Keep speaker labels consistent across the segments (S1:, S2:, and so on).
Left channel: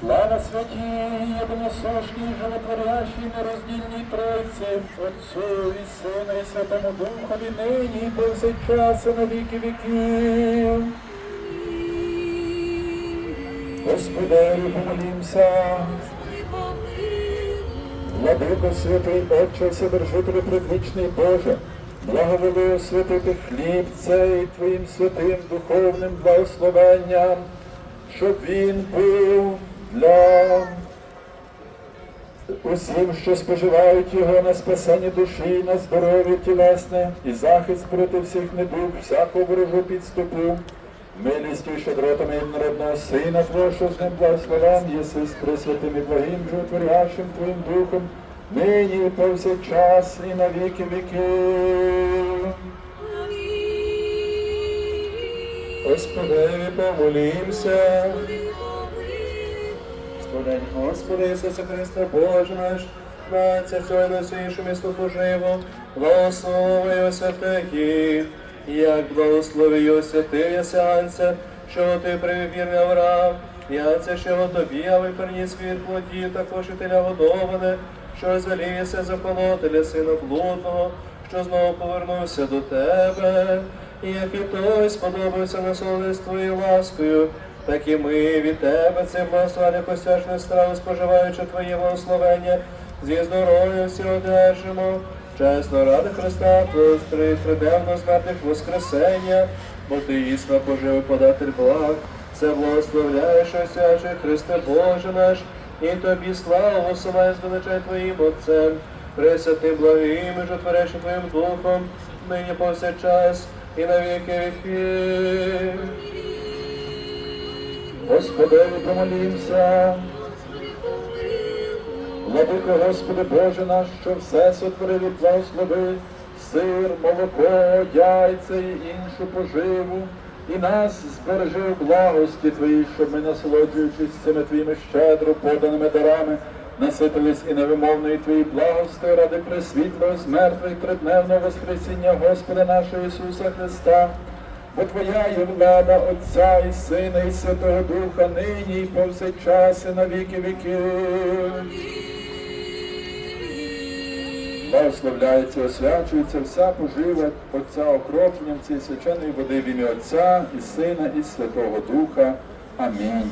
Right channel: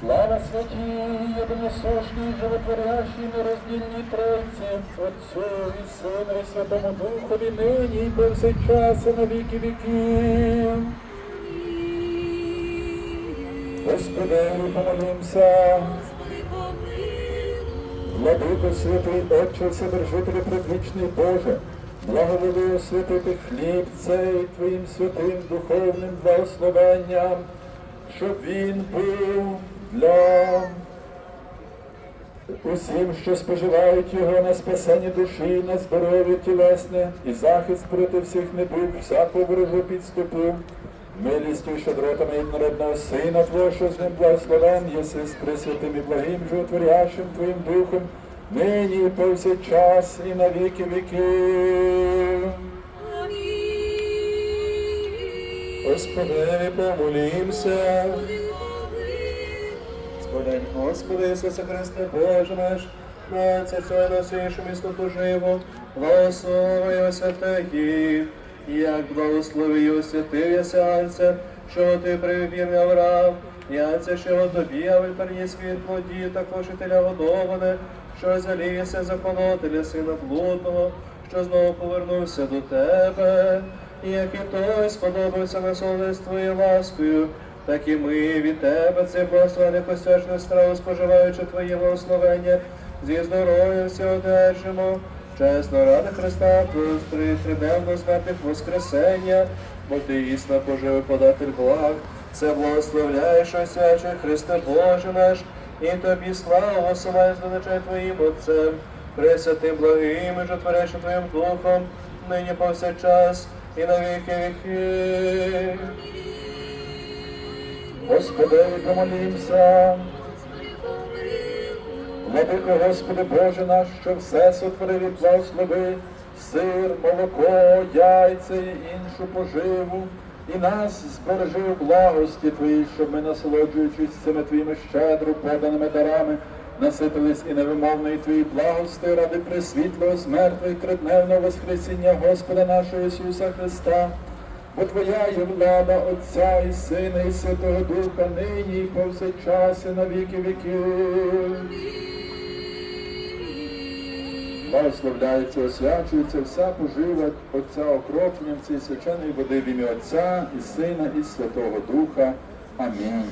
S1: Слава святій, єдиносушній, животворящій, нероздільній Тройці, Отцю і Сину і Святому Духові, нині і повсякчас, і на віки віків. Господи, помолімся. Владико святий Отче, Вседержителю предвічний Боже, благоволи освятити хліб цей Твоїм святим духовним благословенням, щоб він був для усім, що споживають його на спасення душі, на здоров'я тілесне і захист проти всіх недуг, всякого ворожу підступу. Милістю і щедротами народного Сина Твого, що з ним благословен, єси з пресвятим і благим, животворящим Твоїм Духом, нині повсякчас і на віки віків. Господи, помолімся. Господи, Господи Ісусе Христе, Боже наш, нація цього найсвішу місто поживо, благослови святих, як благословив святий Сеанса, що ти привір Авраам, я це що тобі, а ви приніс від плоді, також і теля годоване, що звелівся законотеля сина блудного, що знову повернувся до тебе, і як і той сподобався насолоди твоєю ласкою, так і ми від тебе це благословення посвячної страви, споживаючи твоє благословення, зі здоров'ям всі одержимо. Чесно ради Христа, Твого триденного смертних воскресення, бо ти існо пожив податель благ, це благословляєш, освячує Христе Боже наш, і тобі славу осилаєш величай Твоїм Отцем, пресвятим благим і жотворящим Твоїм Духом, нині повсякчас і на віки віки. Господи, помолімся. Владико Господи Боже наш, що все сотворив і благослови, сир, молоко, яйця і іншу поживу, і нас збережи у благості Твоїй, щоб ми, насолоджуючись цими Твоїми щедро поданими дарами, наситились і невимовної Твоїй благости ради пресвітлого смертва і тридневного воскресіння Господа нашого Ісуса Христа. Бо Твоя є влада Отця і Сина, і Святого Духа, нині і повсякчас, і на віки віків. Благословляється, освячується вся пожива Отця окропленням цієї свяченої води в ім'я Отця і Сина, і Святого Духа. Амінь.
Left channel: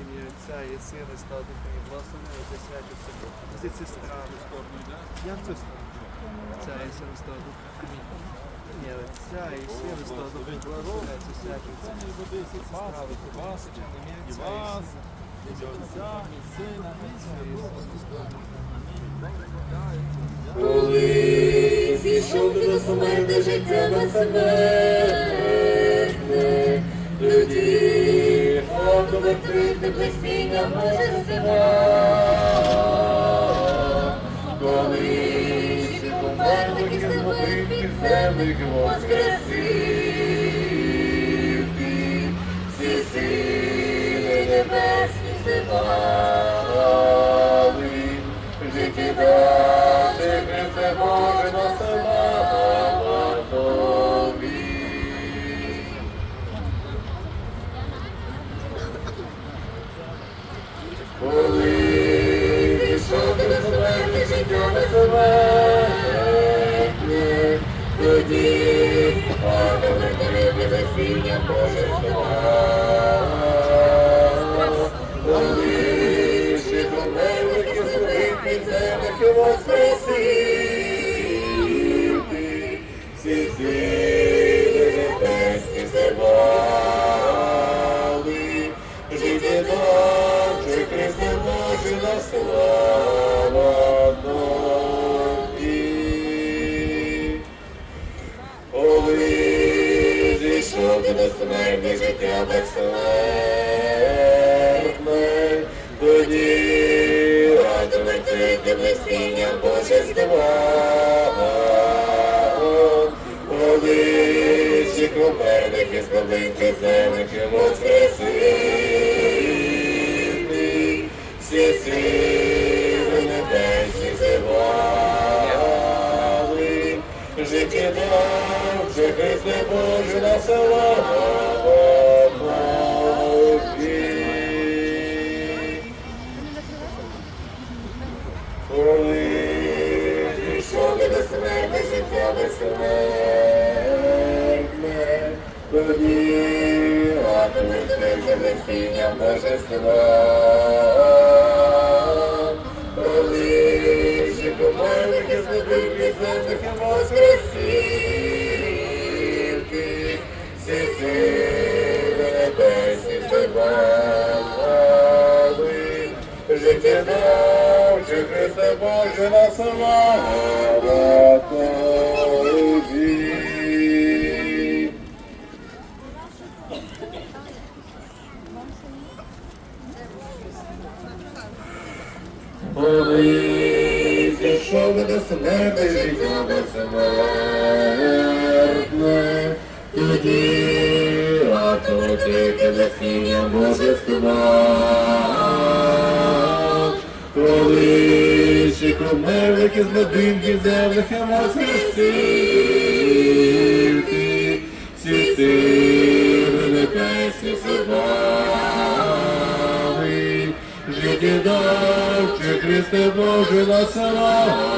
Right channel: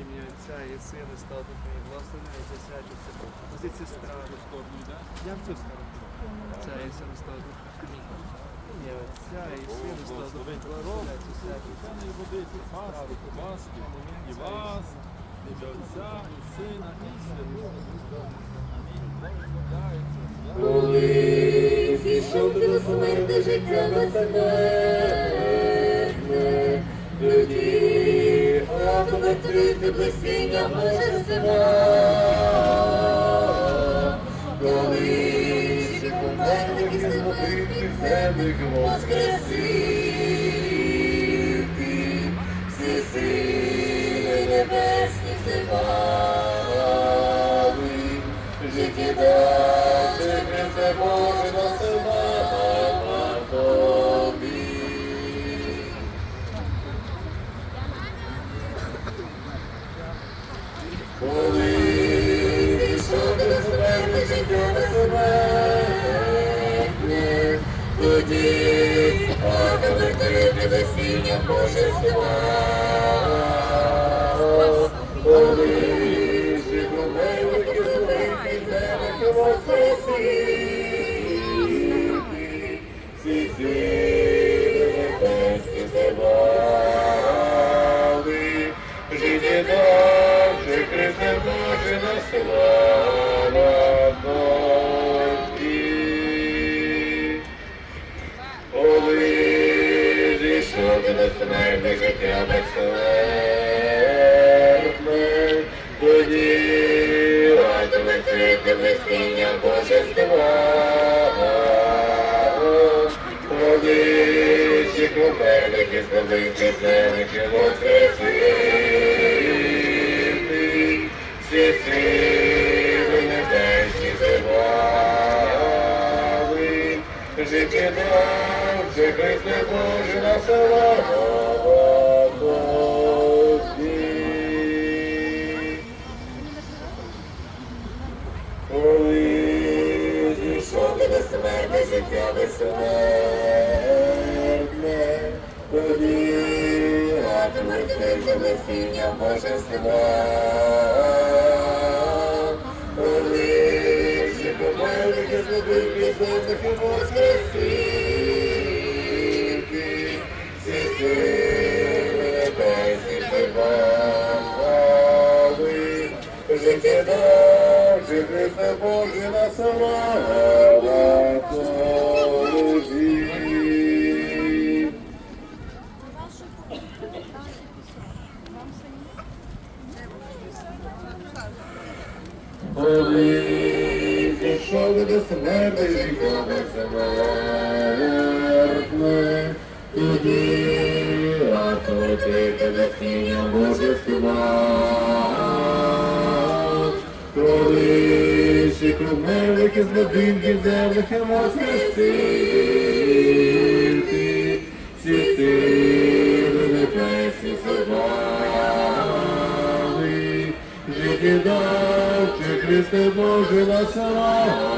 S2: Ім'я Отця і і Святого Духа, і благословляється святиться позиції страни сторону, да? Як це сторону? Отця і Сина, і Духа. Амінь. Ім'я Отця і Сина, і Святого Духа, благословляється святиться.
S3: водиці пасти, пасти, і вас, і Отця, і Сина, і Святого. Амінь.
S4: Коли зійшов ти до смерти життя безсмертне, блистіння Божества. Коли тобі
S5: за безсіння божества.
S4: Коли ще помилки злобив підземних і воскресів ти, всі сили небесні тебе життя дав, чи Христе Боже на слава Коли зійшов до смерти життя безсмертне, тоді отвратити насіння божества. Коли ще кровневики з будинків земних і воскресив ти, всі сили небесні чи Христе Боже на слава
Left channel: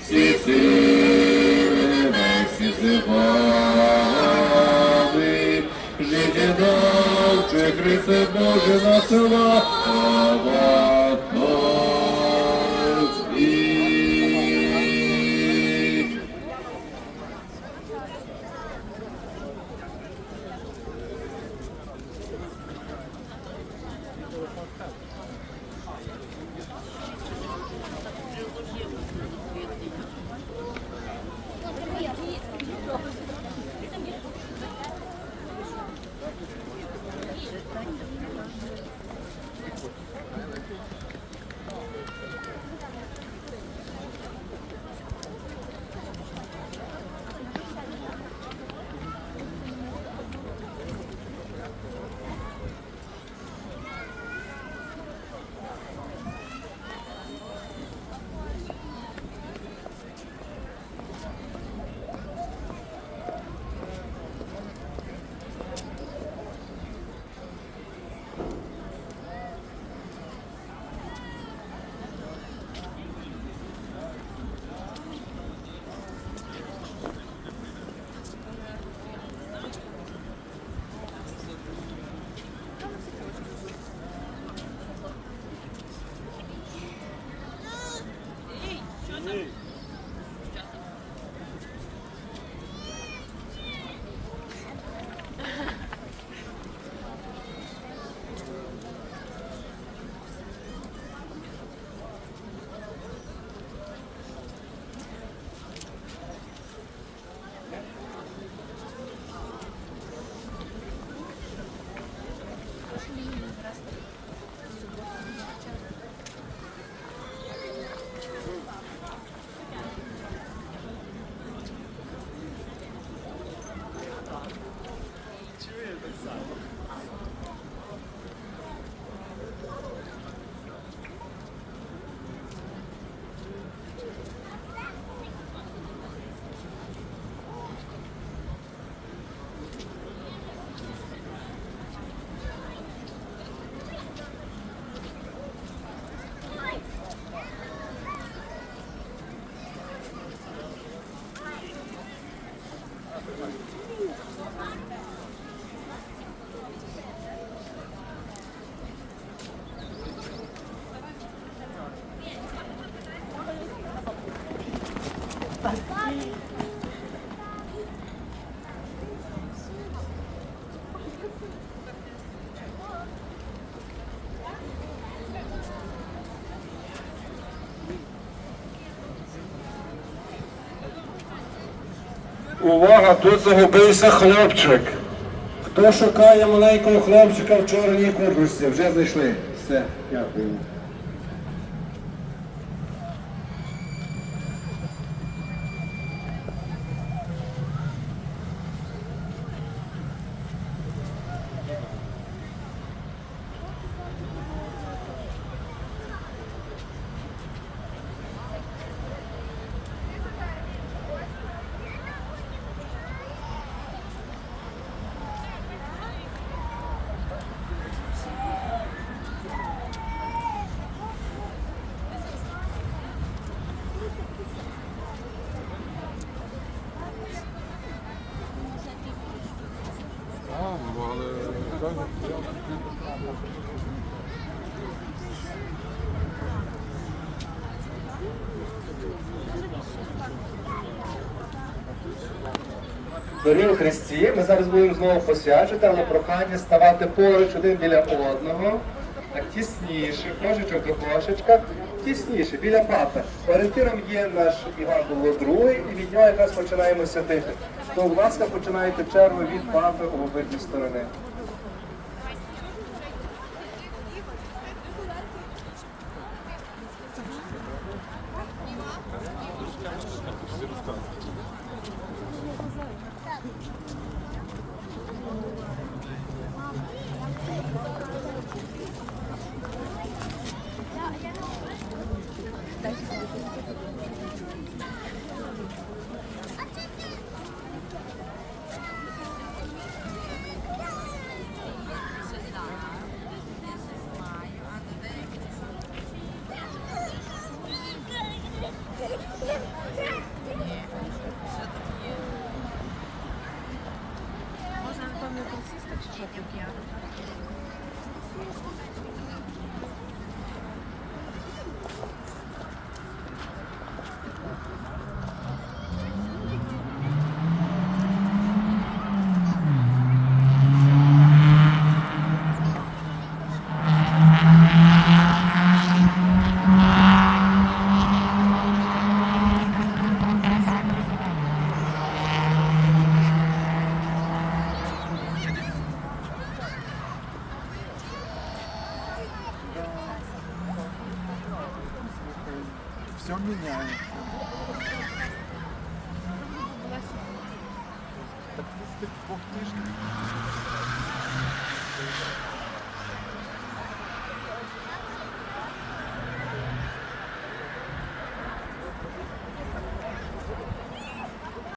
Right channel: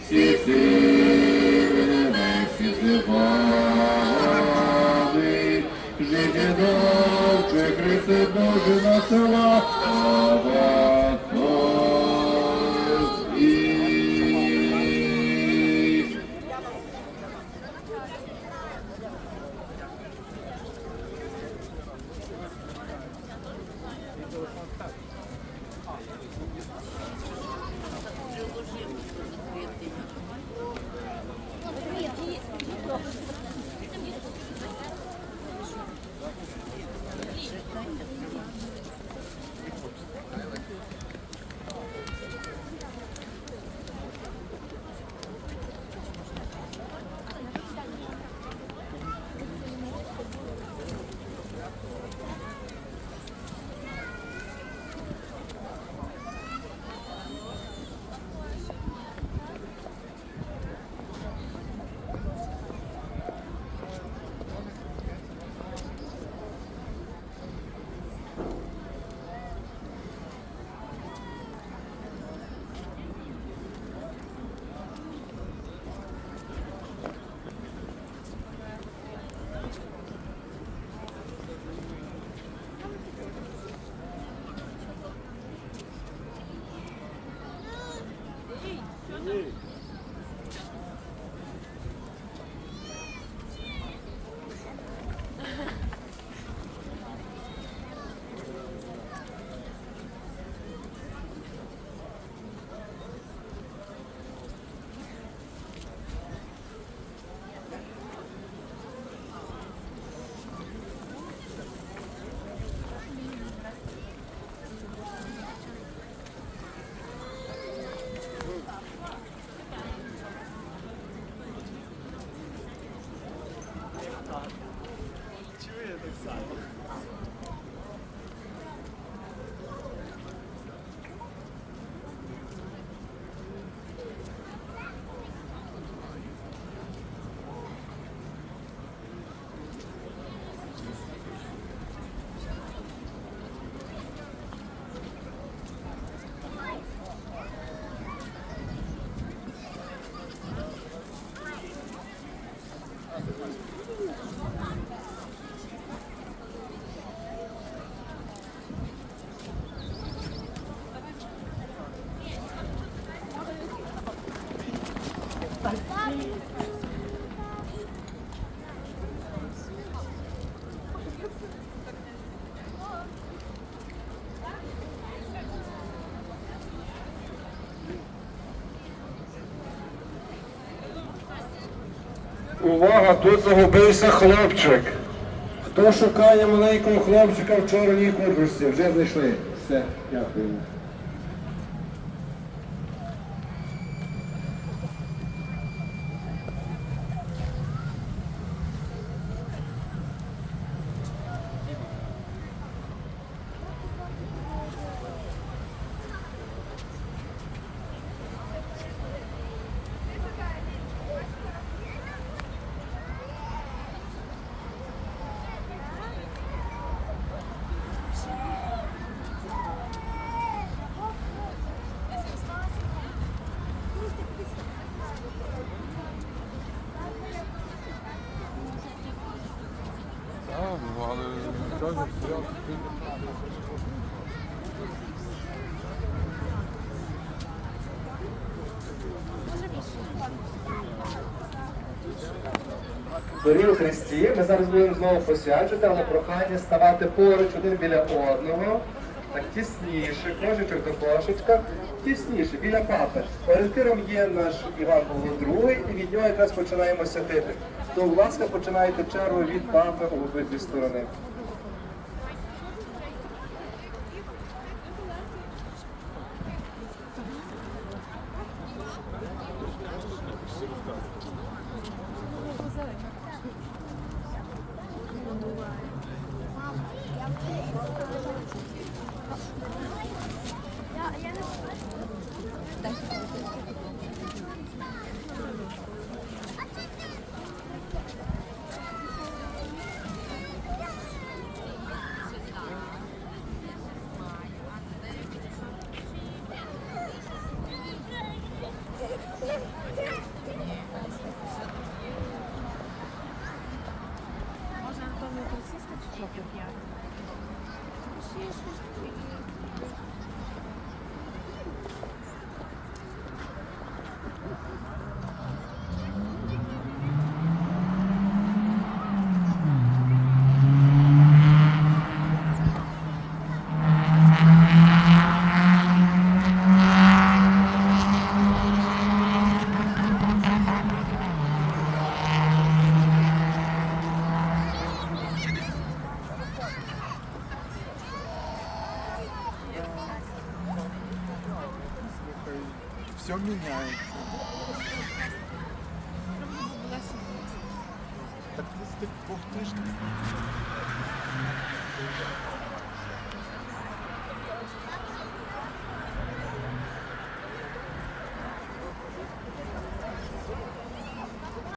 S4: всі сили небесні зивали, життя дав, Христе Боже на слава
S6: Увага, тут загубився хлопчик. Хто шукає маленького хлопчика в чорній курточці? Вже знайшли. Все, дякуємо.
S2: Дорогі у Христі, ми зараз будемо знову посвячувати, але прохання ставати поруч один біля одного, так тісніше, кошечок до кошечка, тісніше, біля папи. Орієнтиром є наш Іван Павло II, і від нього якраз починаємо святити. То, будь ласка, починайте чергу від папи у обидві сторони.
S7: Все меняется. Так ты с- ты- ух ты ж.